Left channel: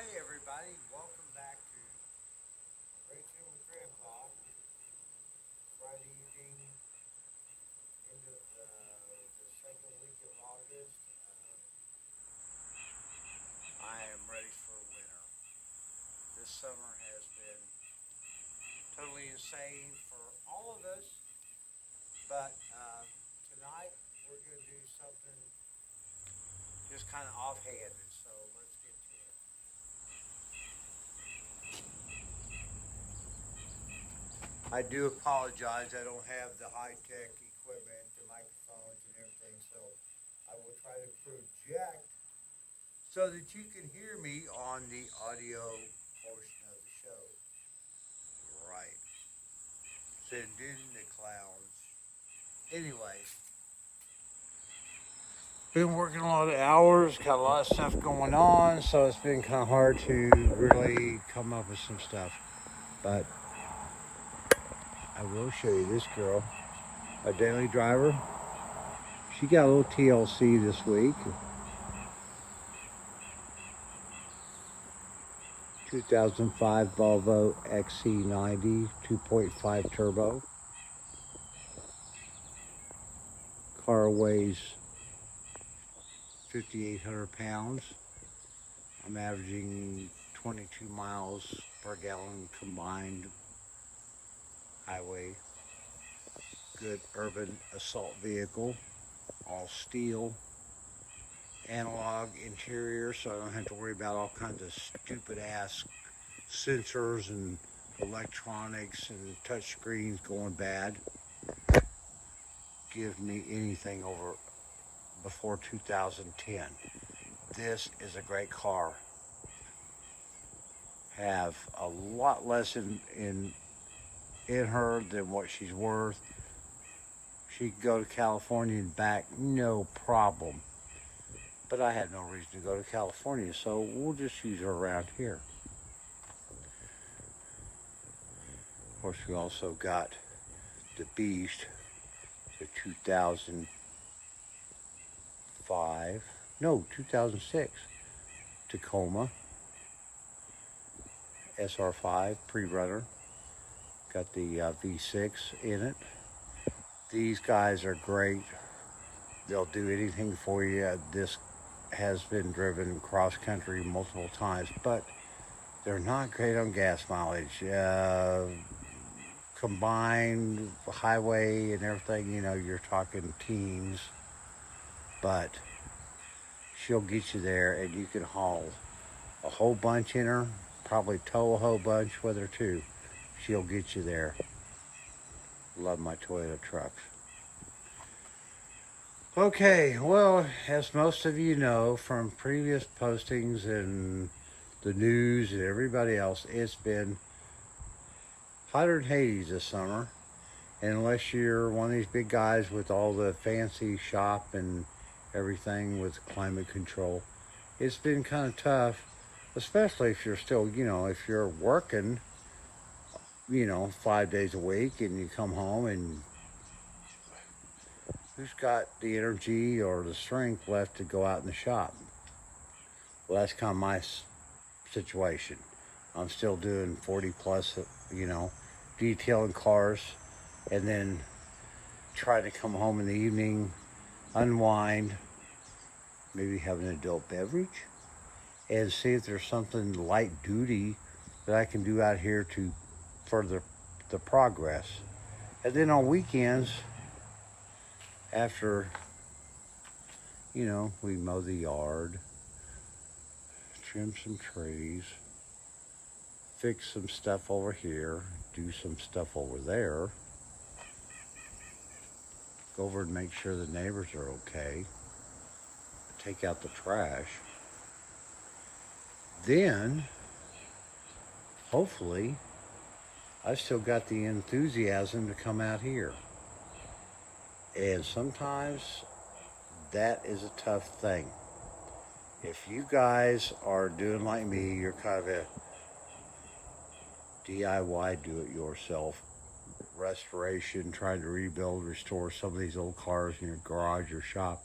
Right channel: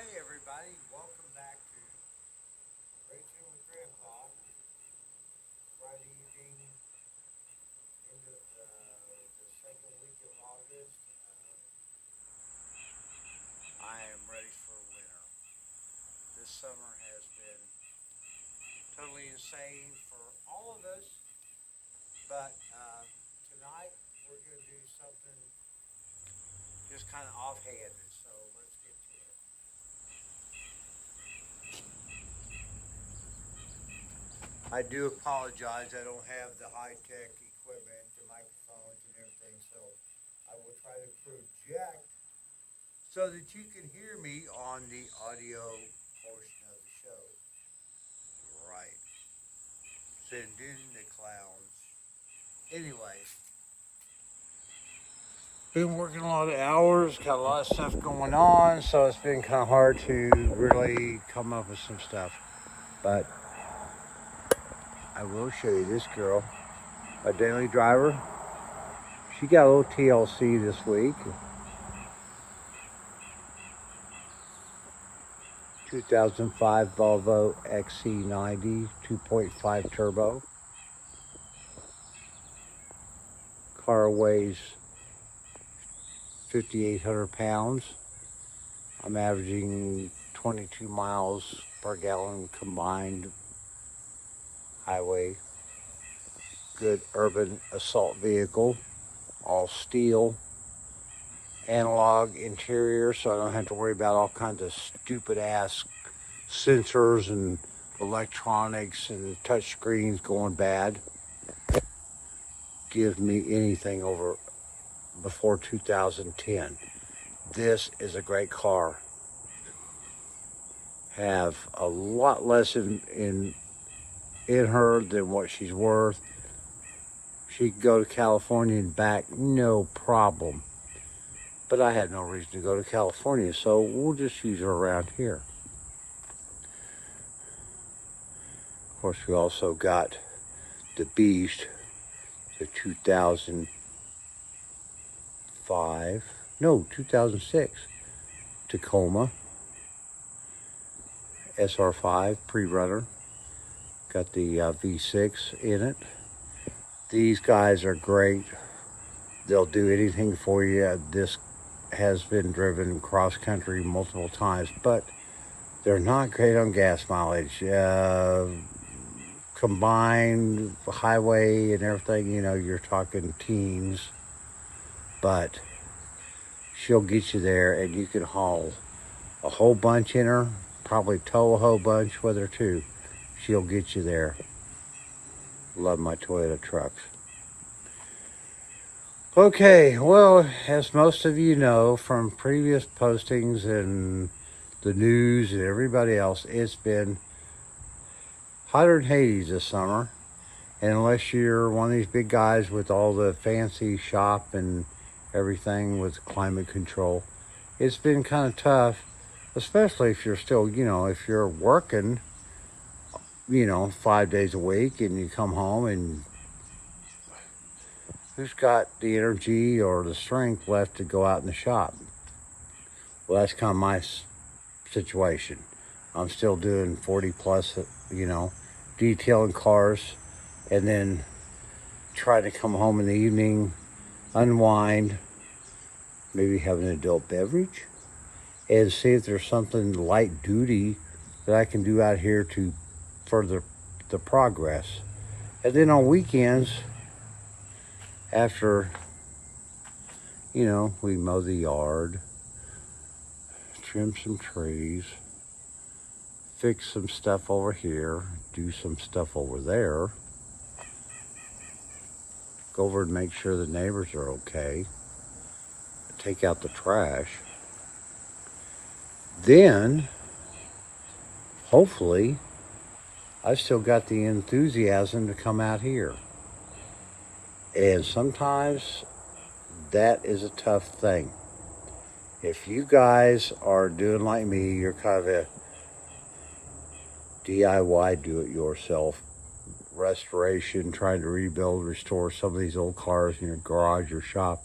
Hey everybody, welcome back to Rachel with Grandpa. Friday evening, end of the second week of August. I am ready for winter. This summer has been totally insane for all of us, but tonight we're going to do something just kind of offhanded. So let's get to it. I do apologize. I don't have the high tech equipment, the microphones, and everything. So I will try to project so that you can hear me on the audio portion of the show. Right. Sending the clouds. Anyway, been working a lot of hours, got a lot of stuff going on, so it's been kind of hard to really come up with some stuff. But I will show you this girl, my daily driver. She got a little TLC this week. 2005 Volvo XC90 2.5 turbo. Car weighs 5,800 pounds. I'm averaging 22 miles per gallon combined highway. Good urban assault vehicle, all steel, analog interior, so I don't have to worry about all kinds of stupid ass sensors and electronics and touch screens going bad. Give me anything over before 2010. This is a great car. Have a lot less in her than what she's worth. She could go to California and back, no problem. But I had no reason to go to California, so we'll just use her around here. Of course, we also got the Beast, the 2006 Tacoma SR5 pre-runner. Got the V6 in it. These guys are great. They'll do anything for you. This has been driven cross country multiple times, but they're not great on gas mileage. Combined highway and everything, you know, you're talking teens, but she'll get you there and you can haul a whole bunch in her, probably tow a whole bunch with her too. She'll get you there. Love my Toyota trucks. Okay, well, as most of you know from previous postings and the news and everybody else, it's been hotter than Hades this summer. And unless you're one of these big guys with all the fancy shop and everything with climate control, it's been kind of tough, especially if you're still, you know, if you're working, you know, 5 days a week and you come home and who's got the energy or the strength left to go out in the shop? Well, that's kind of my situation. I'm still doing 40 plus, you know, detailing cars, and then try to come home in the evening, unwind, maybe have an adult beverage, and see if there's something light duty that I can do out here to further the progress. And then on weekends, after, you know, we mow the yard, trim some trees, fix some stuff over here, do some stuff over there, go over and make sure the neighbors are okay, take out the trash. Then, hopefully, I've still got the enthusiasm to come out here. And sometimes that is a tough thing. If you guys are doing like me, you're kind of a DIY, do-it-yourself restoration, trying to rebuild, restore some of these old cars in your garage or shop,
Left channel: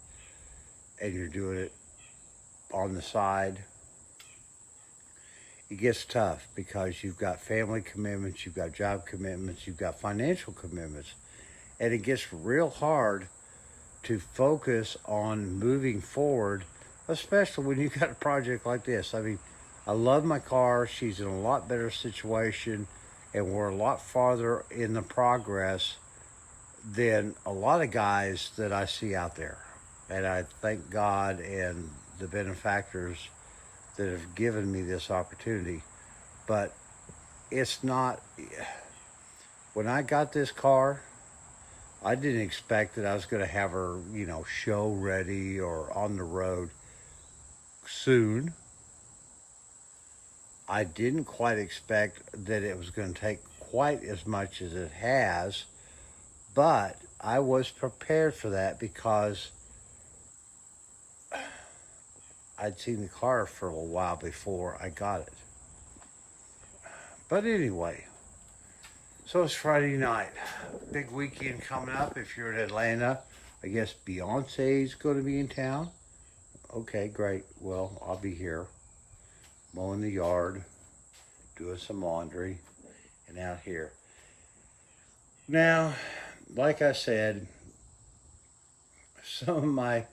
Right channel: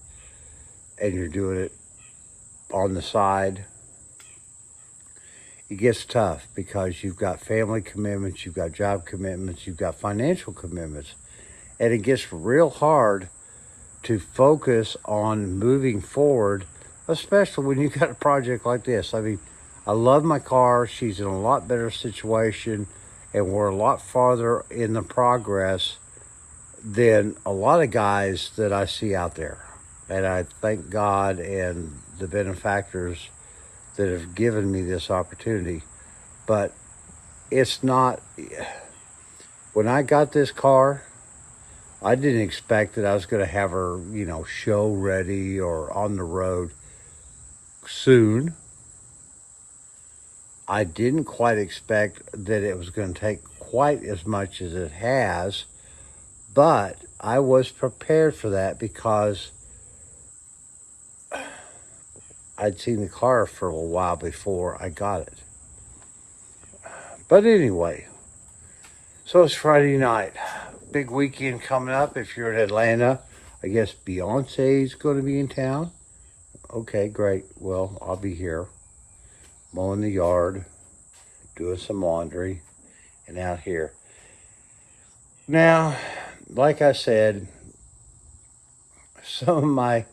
and you're doing it on the side, it gets tough because you've got family commitments, you've got job commitments, you've got financial commitments. And it gets real hard to focus on moving forward, especially when you got a project like this. I mean, I love my car. She's in a lot better situation, and we're a lot farther in the progress than a lot of guys that I see out there. And I thank God and the benefactors that have given me this opportunity. But it's not, when I got this car, I didn't expect that I was going to have her, show ready or on the road soon. I didn't quite expect that it was going to take quite as much as it has, but I was prepared for that because I'd seen the car for a while before I got it. But anyway, so it's Friday night. Big weekend coming up. If you're in Atlanta, I guess Beyonce's going to be in town. Okay, great. Well, I'll be here mowing the yard, doing some laundry, and out here. Now, like I said, some of my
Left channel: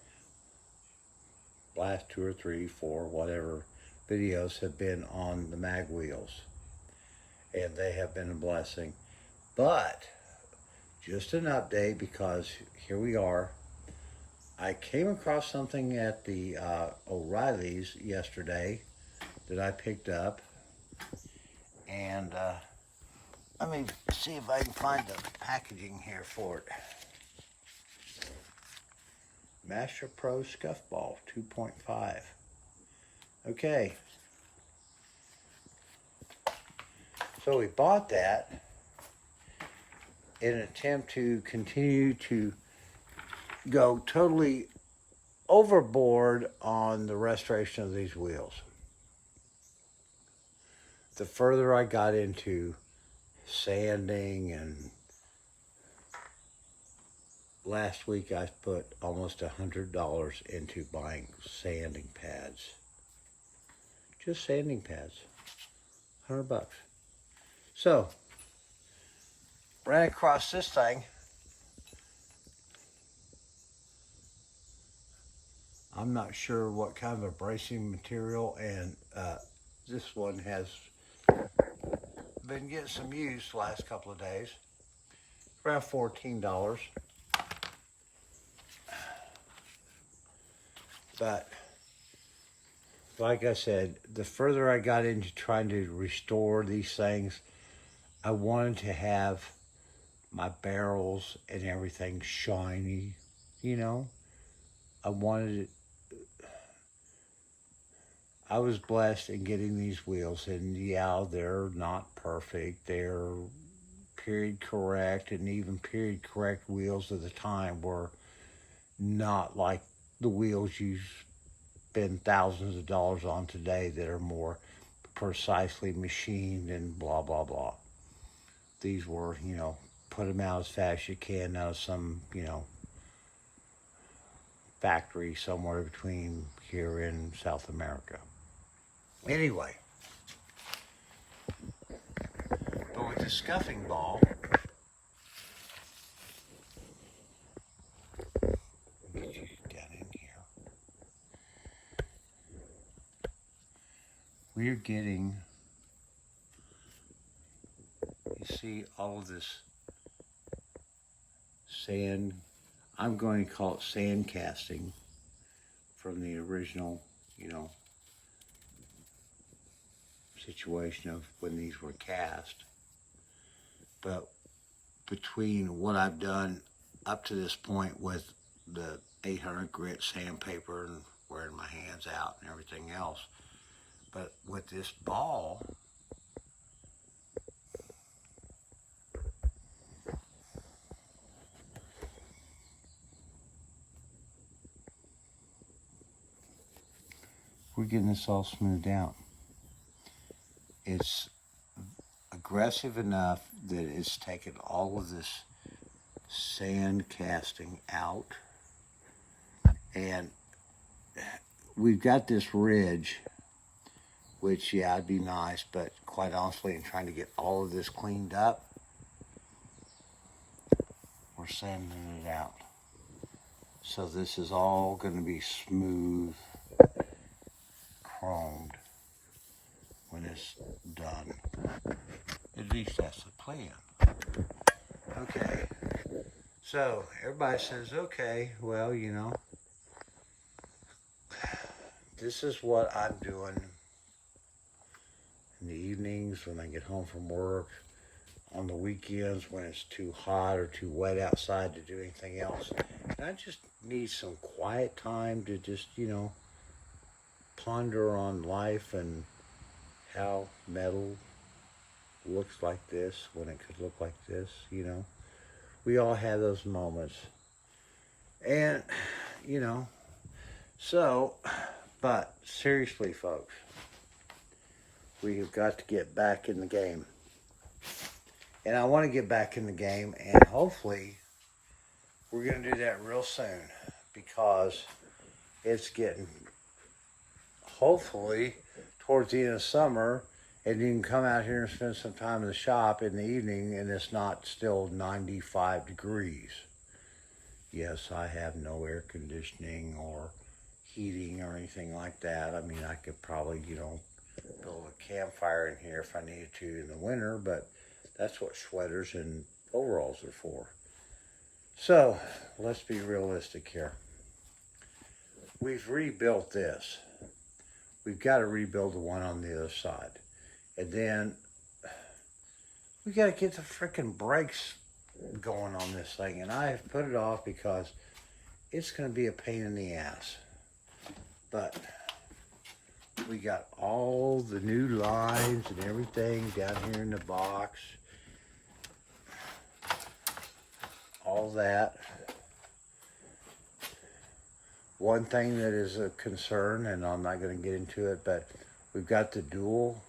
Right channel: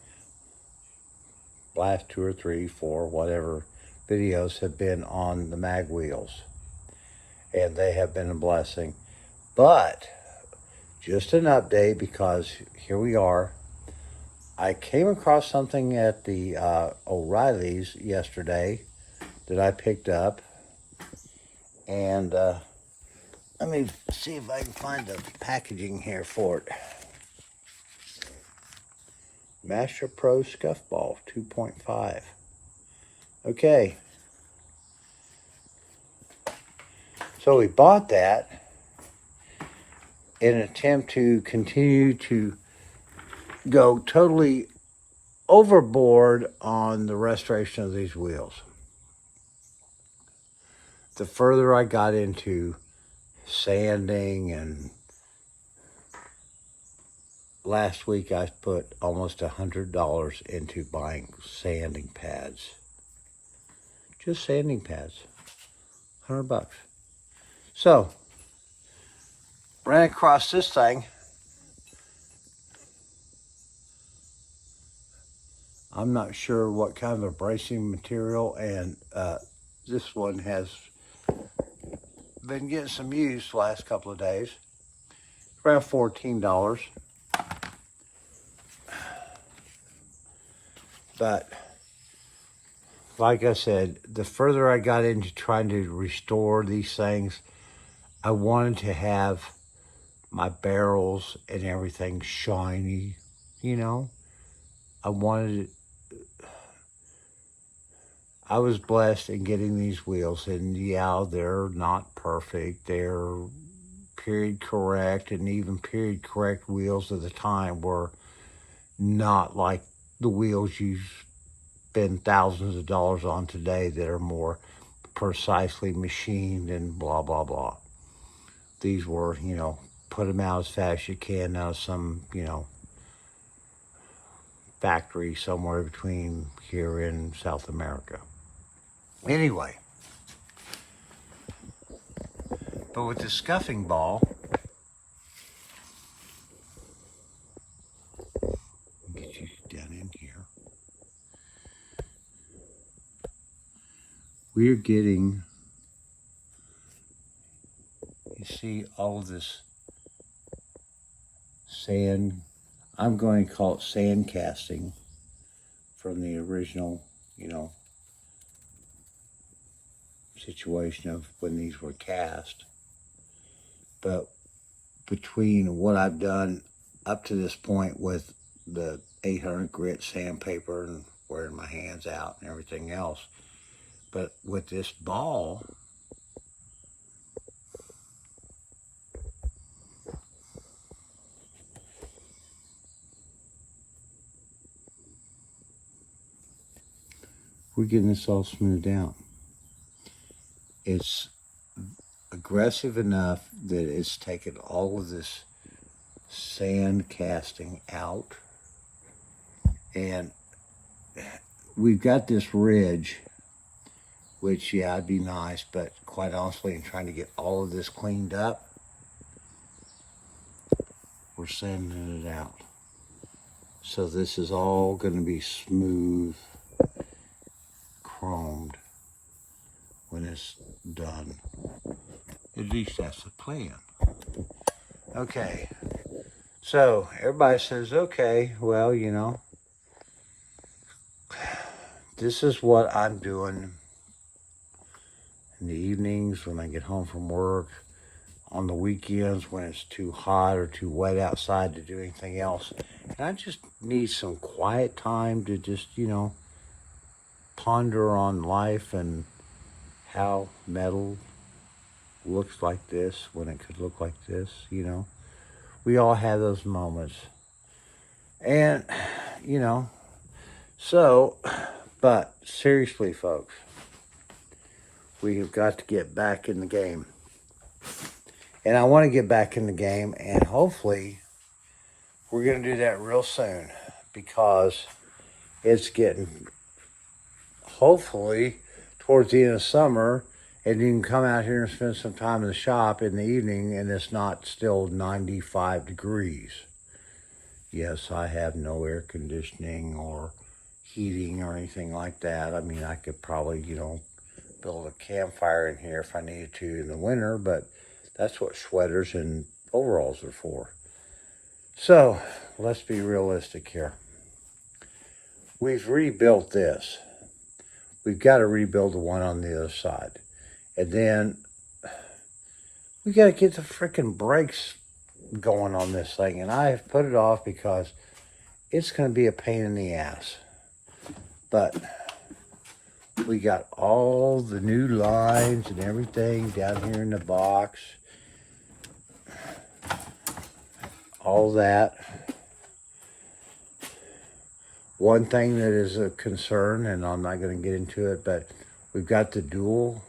last 2 or 3, 4, whatever videos have been on the mag wheels, and they have been a blessing. But just an update, because here we are. I came across something at the O'Reilly's yesterday that I picked up, and let me see if I can find the packaging here for it. Master Pro Scuff Ball 2.5. Okay. So we bought that in an attempt to continue to go totally overboard on the restoration of these wheels. The further I got into sanding, and last week I put almost $100 into buying sanding pads. Just sanding pads. $100. So, ran across this thing. I'm not sure what kind of abrasive material, and this one has been getting some use the last couple of days. Around $14. But like I said, the further I got into trying to restore these things, I wanted to have my barrels and everything shiny, I was blessed in getting these wheels, and yeah, they're not perfect. They're period correct, and even period correct wheels at the time were not like the wheels you spend thousands of dollars on today that are more precisely machined and blah, blah, blah. These were, put them out as fast as you can out of some, factory somewhere between here and South America. Anyway, but with the scuffing ball, get you down in here, we're getting, you see all of this sand, I'm going to call it sand casting from the original, situation of when these were cast. But between what I've done up to this point with the 800 grit sandpaper and wearing my hands out and everything else, but with this ball, we're getting this all smoothed out. It's aggressive enough that it's taken all of this sand casting out, and we've got this ridge which, yeah, it'd be nice, but quite honestly, in trying to get all of this cleaned up, we're sanding it out. So this is all going to be smooth, chromed when it's done. At least that's the plan. Okay, so everybody says, okay, well, you know, this is what I'm doing in the evenings when I get home from work, on the weekends when it's too hot or too wet outside to do anything else. And I just need some quiet time to just, you know, ponder on life and how metal looks like this when it could look like this, you know. We all have those moments. And, you know, so, but seriously, folks, we've got to get back in the game. And I want to get back in the game, and hopefully we're going to do that real soon, because it's getting, hopefully, towards the end of summer, and you can come out here and spend some time in the shop in the evening, and it's not still 95 degrees. Yes, I have no air conditioning or heating or anything like that. I mean, I could probably, you know, build a campfire in here if I needed to in the winter, but that's what sweaters and overalls are for. So, let's be realistic here. We've rebuilt this. We've got to rebuild the one on the other side. And then we got to get the freaking brakes going on this thing. And I have put it off because it's going to be a pain in the ass. But we got all the new lines and everything down here in the box. All that. One thing that is a concern, and I'm not going to get into it, but we've got the dual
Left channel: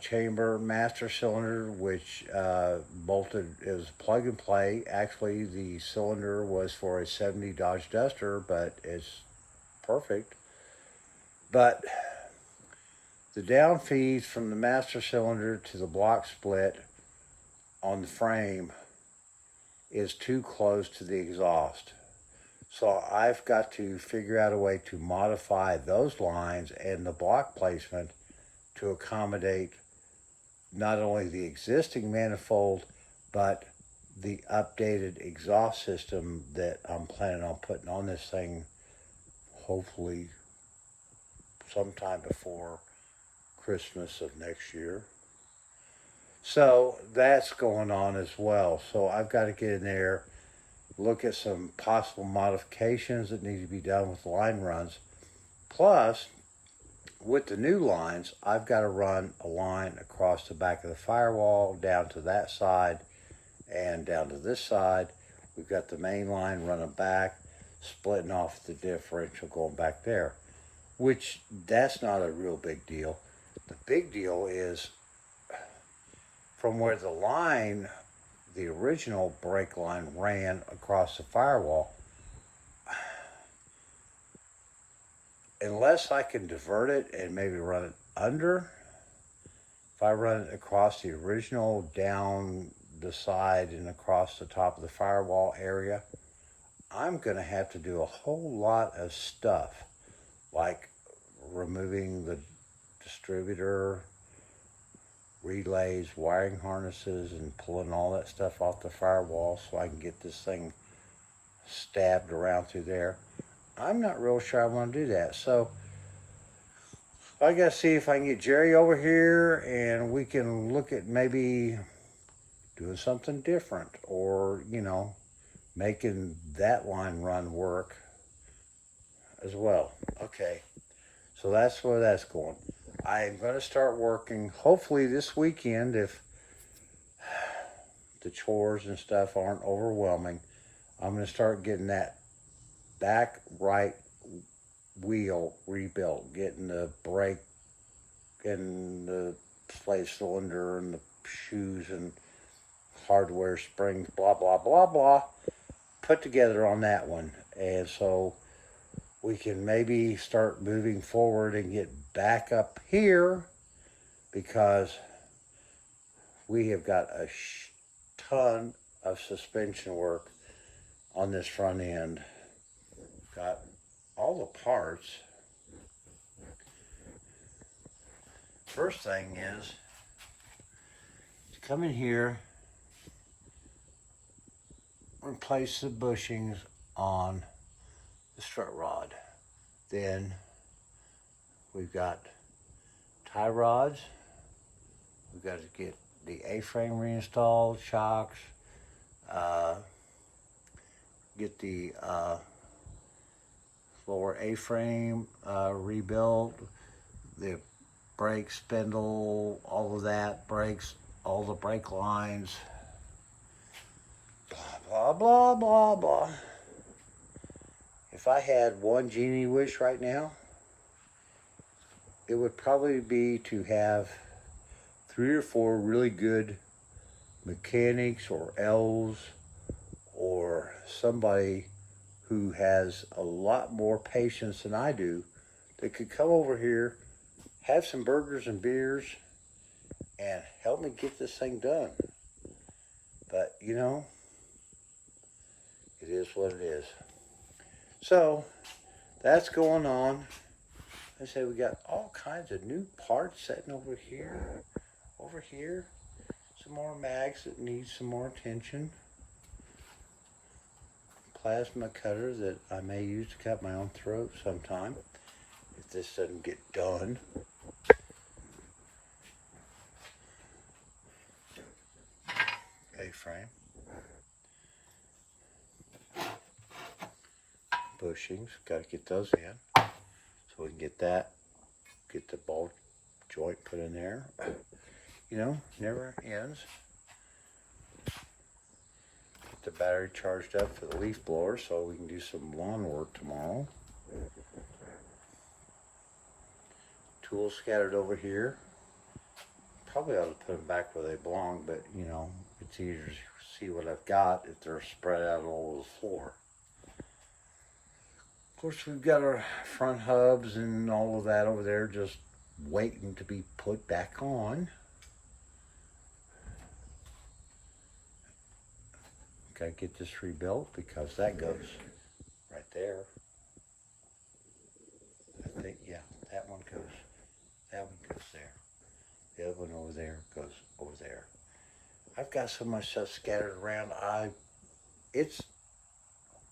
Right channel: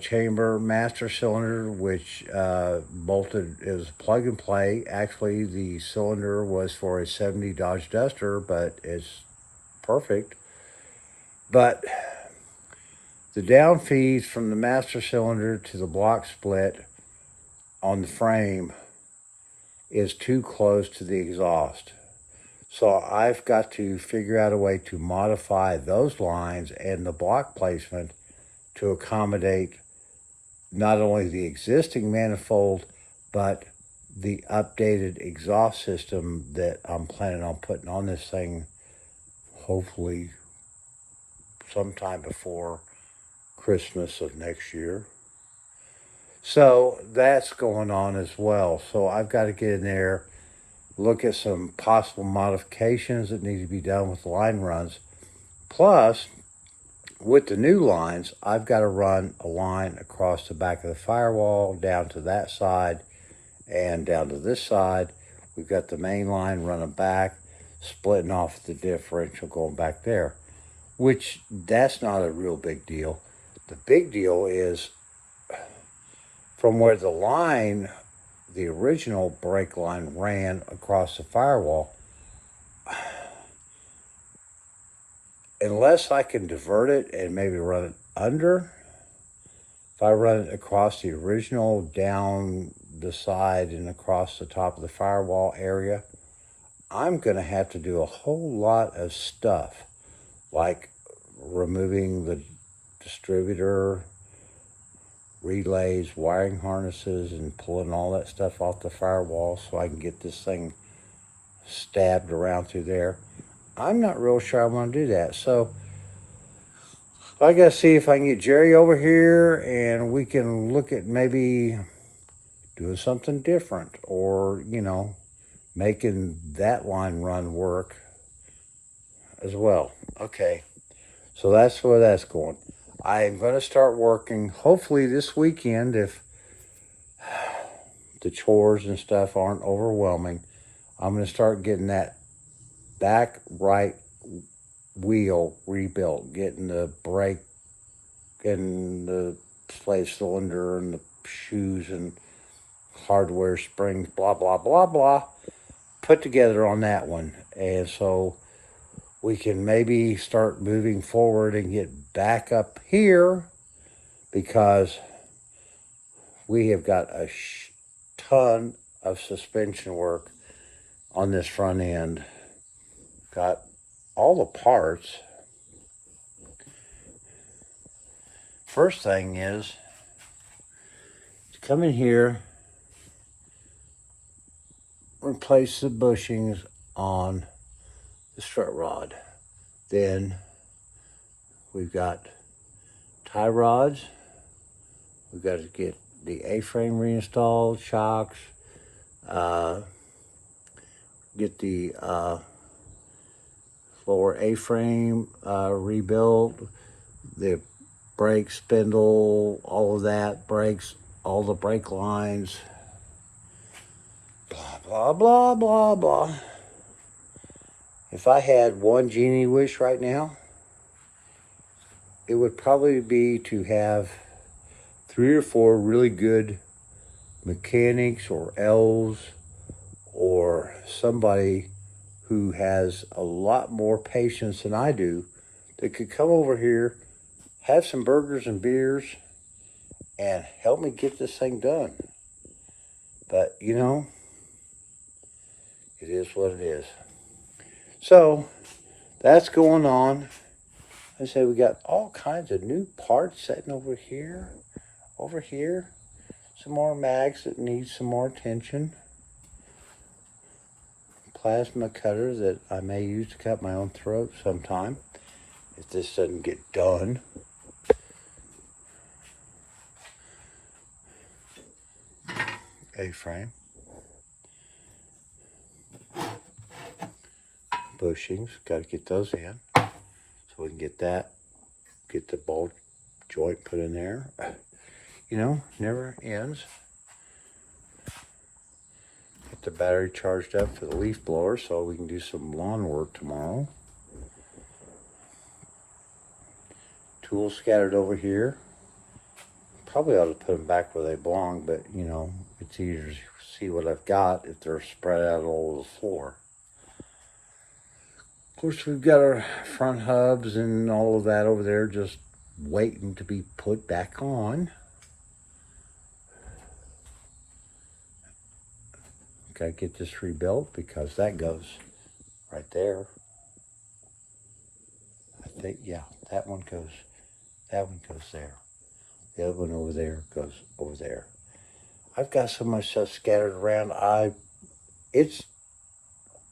chamber master cylinder, which bolted is plug and play. Actually, the cylinder was for a 70 Dodge Duster, but it's perfect. But the down feeds from the master cylinder to the block split on the frame is too close to the exhaust. So I've got to figure out a way to modify those lines and the block placement to accommodate not only the existing manifold, but the updated exhaust system that I'm planning on putting on this thing, hopefully sometime before Christmas of next year. So that's going on as well. So I've got to get in there, look at some possible modifications that need to be done with the line runs. Plus, with the new lines, I've got to run a line across the back of the firewall, down to that side, and down to this side. We've got the main line running back, splitting off the differential going back there, which that's not a real big deal. The big deal is from where the line, the original brake line, ran across the firewall. Unless I can divert it and maybe run it under, if I run it across the original, down the side and across the top of the firewall area, I'm going to have to do a whole lot of stuff, like removing the distributor, relays, wiring harnesses, and pulling all that stuff off the firewall so I can get this thing stabbed around through there. I'm not real sure I want to do that. So I got to see if I can get Jerry over here and we can look at maybe doing something different, or, you know, making that line run work as well. Okay, so that's where that's going. I am going to start working hopefully this weekend, if the chores and stuff aren't overwhelming. I'm going to start getting that back right wheel rebuilt, getting the brake and the slave cylinder and the shoes and hardware springs, blah, blah, blah, blah, put together on that one. And so we can maybe start moving forward and get back up here, because we have got a ton of suspension work on this front end. Got all the parts. First thing is to come in here, replace the bushings on the strut rod. Then we've got tie rods. We've got to get the A-frame reinstalled, shocks, get the lower A-frame rebuilt, the brake spindle, all of that, brakes, all the brake lines, blah, blah, blah, blah, blah. If I had one genie wish right now, it would probably be to have 3 or 4 really good mechanics or elves or somebody who has a lot more patience than I do that could come over here, have some burgers and beers, and help me get this thing done. But, you know, it is what it is. So, that's going on. I say we got all kinds of new parts sitting over here. Over here, some more mags that need some more attention. Plasma cutter that I may use to cut my own throat sometime if this doesn't get done. A-frame. Bushings, got to get those in so we can get that, get the bolt joint put in there. You know, never ends. Get the battery charged up for the leaf blower so we can do some lawn work tomorrow. Tools scattered over here. Probably ought to put them back where they belong, but you know, it's easier to see what I've got if they're spread out all over the floor. Of course, we've got our front hubs and all of that over there just waiting to be put back on. Gotta get this rebuilt because that goes right there. I think, yeah, that one goes there. The other one over there goes over there. I've got so much stuff scattered around. It's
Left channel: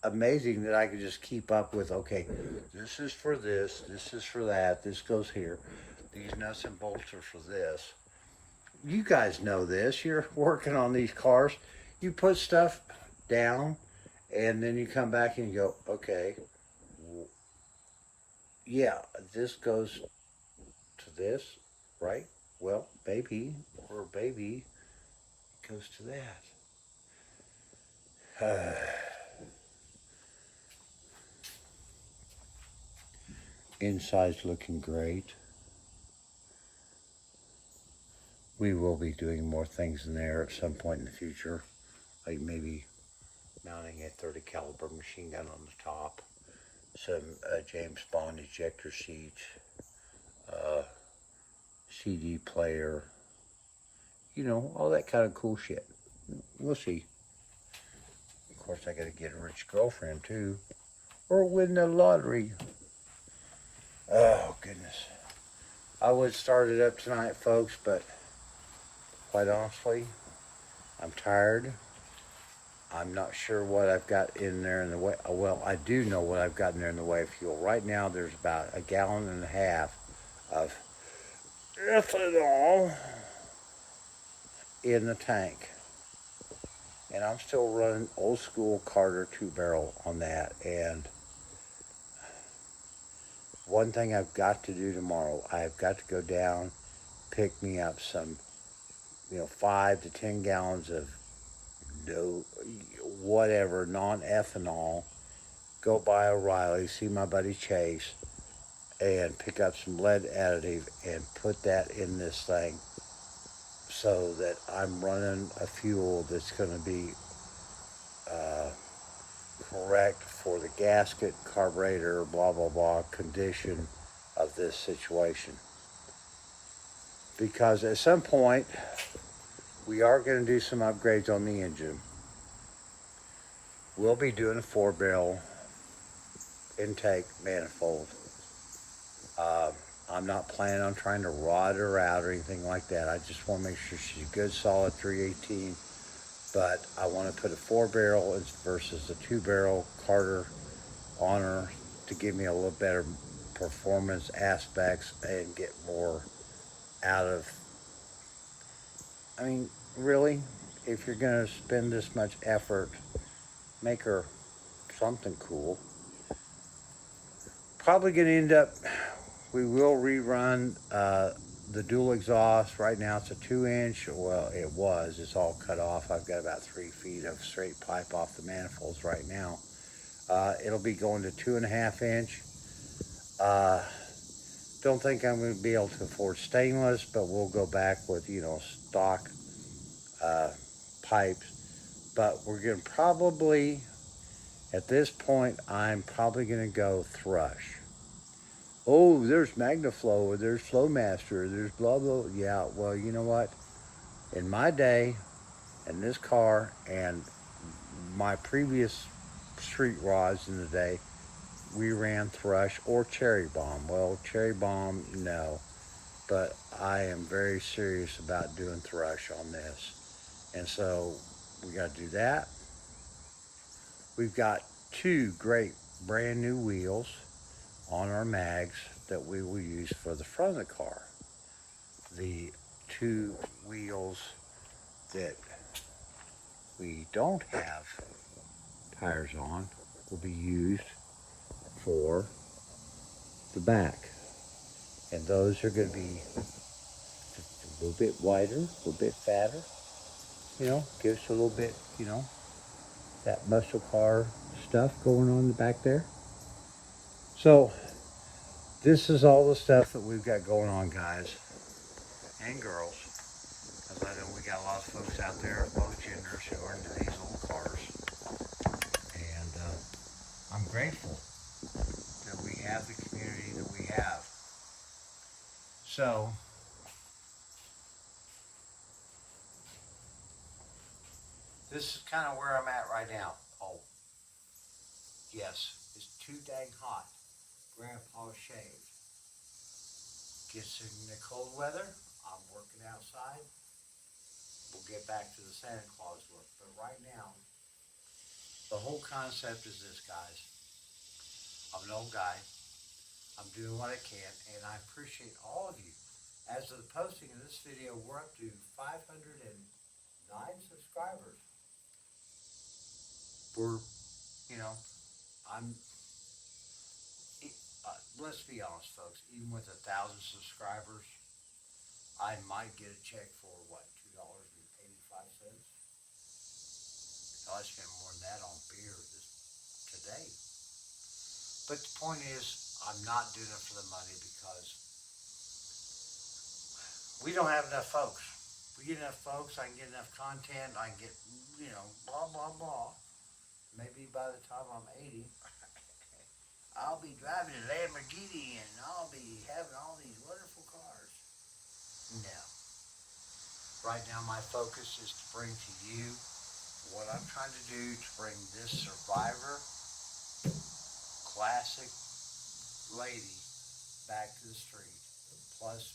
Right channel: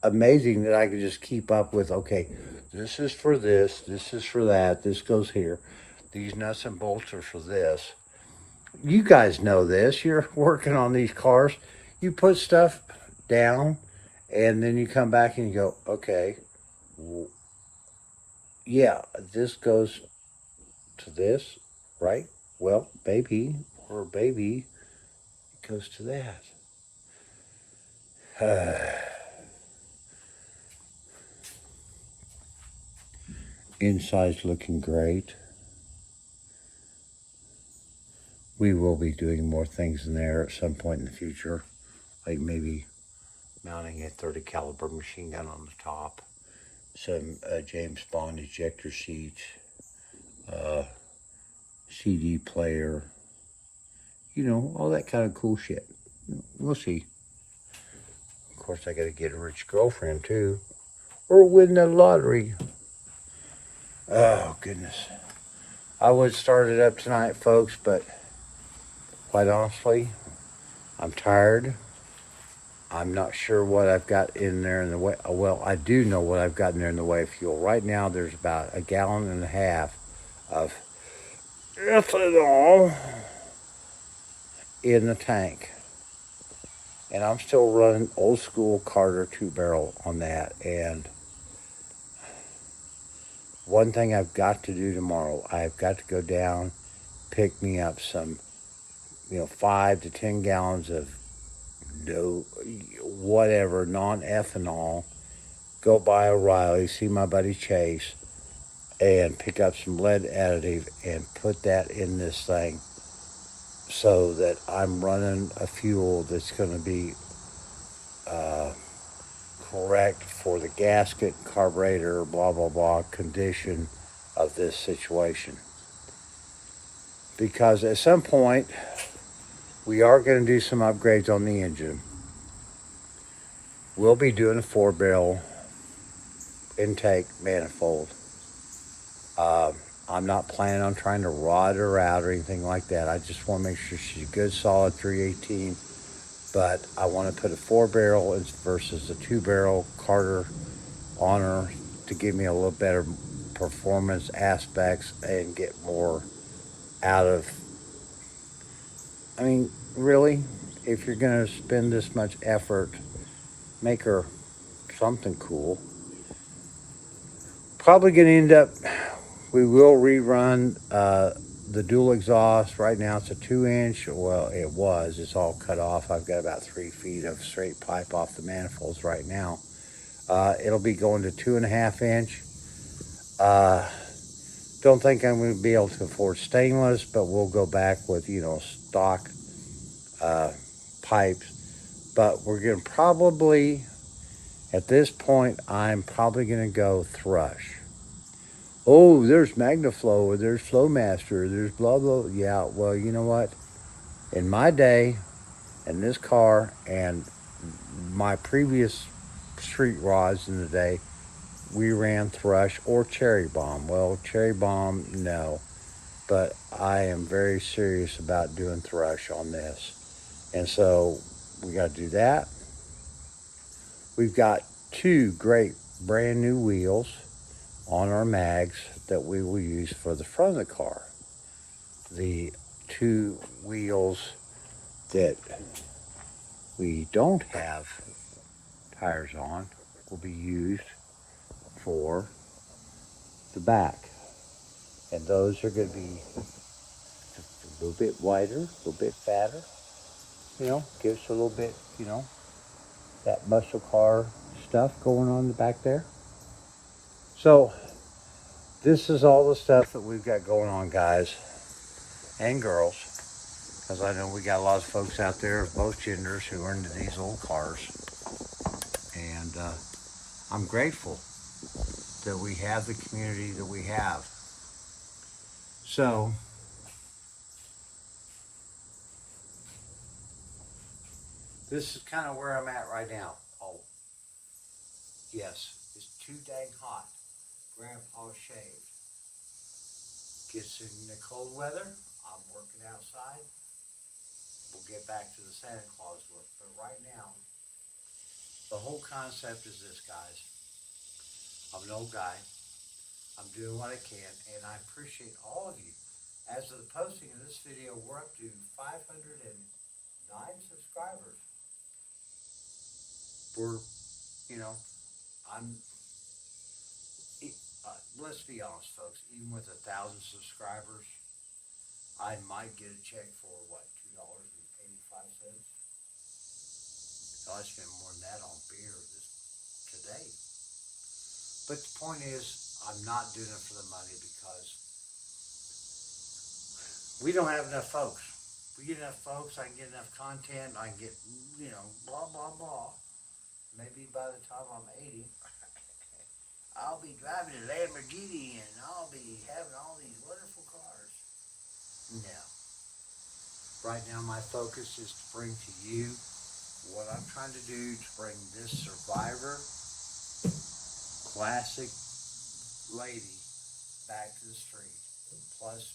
amazing that I can just keep up with, okay, this is for this is for that, this goes here. These nuts and bolts are for this. You guys know this. You're working on these cars. You put stuff down and then you come back and you go, okay, yeah, this goes to this, right? Well, baby goes to that. Inside's looking great. We will be doing more things in there at some point in the future, like maybe mounting a 30 caliber machine gun on the top, some James Bond ejector seats, CD player, you know, all that kind of cool shit. We'll see. Of course, I gotta get a rich girlfriend too, or win the lottery. Oh, goodness. I would start it up tonight, folks, but quite honestly, I'm tired. I'm not sure what I've got in there in the way. Well, I do know what I've got in there in the way of fuel. Right now, there's about 1.5 gallons of ethanol in the tank. And I'm still running old school Carter 2-barrel on that. And one thing I've got to do tomorrow, I've got to go down, pick me up some, 5 to 10 gallons of whatever, non-ethanol, go by O'Reilly, see my buddy Chase, and pick up some lead additive and put that in this thing so that I'm running a fuel that's going to be correct for the gasket, carburetor, blah, blah, blah condition of this situation. Because at some point, we are going to do some upgrades on the engine. We'll be doing a 4-barrel intake manifold. I'm not planning on trying to rod her out or anything like that. I just want to make sure she's a good solid 318. But I want to put a 4-barrel versus a 2-barrel Carter on her to give me a little better performance aspects and get more out of. I mean, really, if you're going to spend this much effort, make her something cool. Probably going to end up, we will rerun the dual exhaust. Right now it's a 2-inch. Well, it was. It's all cut off. I've got about 3 feet of straight pipe off the manifolds right now. It'll be going to 2.5-inch. Don't think I'm going to be able to afford stainless, but we'll go back with, stock pipes. But we're going to probably, at this point, I'm probably going to go thrush. Oh, there's MagnaFlow, or there's Flowmaster, there's blah, blah. Yeah, well, you know what? In my day, in this car, and my previous street rods in the day, we ran thrush or cherry bomb. Well, cherry bomb, no. But I am very serious about doing thrush on this. And so we got to do that. We've got 2 great brand new wheels on our mags that we will use for the front of the car. The 2 wheels that we don't have tires on will be used for the back. And those are going to be just a little bit wider, a little bit fatter. Give us a little bit, that muscle car stuff going on in the back there. So this is all the stuff that we've got going on, guys and girls, because I know we got a lot of folks out there of both genders who are into these old cars. And I'm grateful that we have the community that we have. So this is kind of where I'm at right now. Oh, yes, it's too dang hot. Grandpa shaved. Gets in the cold weather, I'm working outside. We'll get back to the Santa Claus look. But right now, the whole concept is this, guys. I'm an old guy. I'm doing what I can, and I appreciate all of you. As of the posting of this video, we're up to 509 subscribers. We're, I'm, let's be honest, folks, even with 1,000 subscribers, I might get a check for what, $2.85? So I spent more than that on beer today. But the point is, I'm not doing it for the money because we don't have enough folks. We get enough folks, I can get enough content, I can get, blah, blah, blah. Maybe by the time I'm 80, I'll be driving a Lamborghini and I'll be having all these wonderful cars. No. Right now my focus is to bring to you what I'm trying to do to bring this Survivor classic lady back to the street. Plus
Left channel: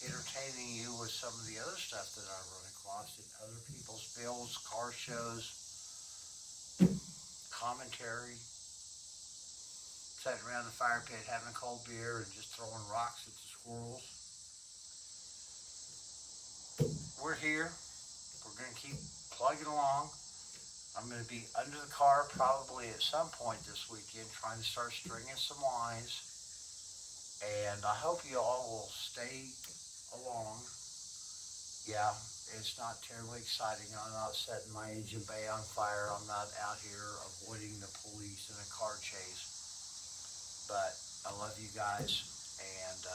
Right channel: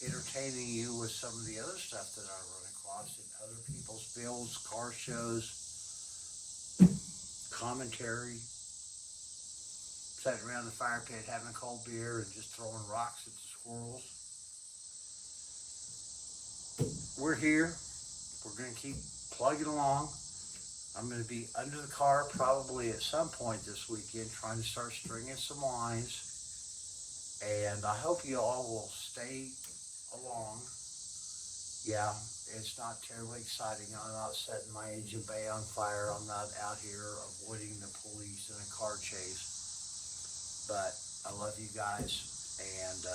entertaining you with some of the other stuff that I run across in other people's builds, car shows, commentary, sitting around the fire pit having a cold beer and just throwing rocks at the squirrels. We're here. We're going to keep plugging along. I'm going to be under the car probably at some point this weekend trying to start stringing some lines. And I hope you all will stay along. Yeah, it's not terribly exciting. I'm not setting my engine bay on fire. I'm not out here avoiding the police in a car chase. But I love you guys. And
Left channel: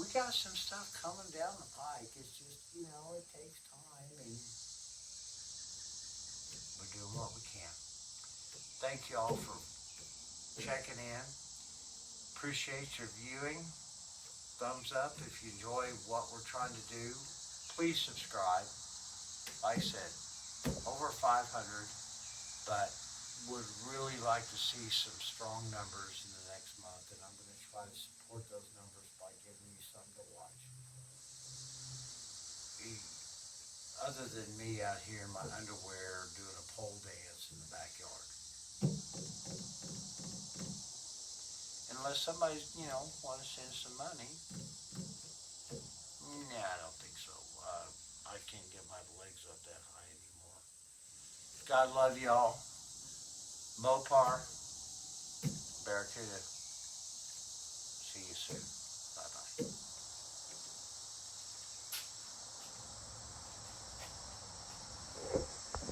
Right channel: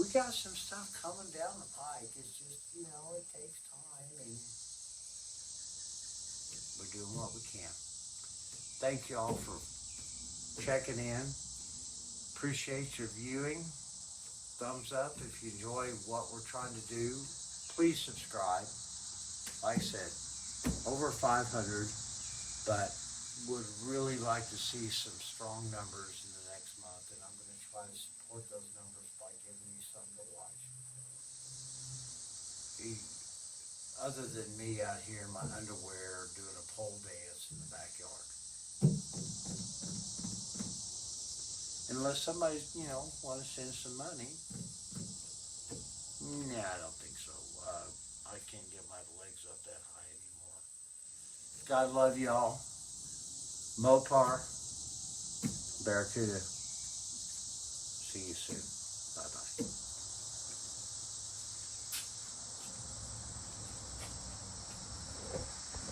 we got some stuff coming down the pike. It's just, it takes time. And We're doing what we can. Thank you all for checking in. Appreciate your viewing. Thumbs up if you enjoy what we're trying to do. Please subscribe. Like I said, over 500, but would really like to see some strong numbers in the next month, and I'm going to try to support those numbers by giving you something to watch. Other than me out here in my underwear doing a pole dance in the backyard. Unless somebody's, want to send some money. Nah, I don't think so. I can't get my legs up that high anymore. God love y'all. Mopar, Barracuda.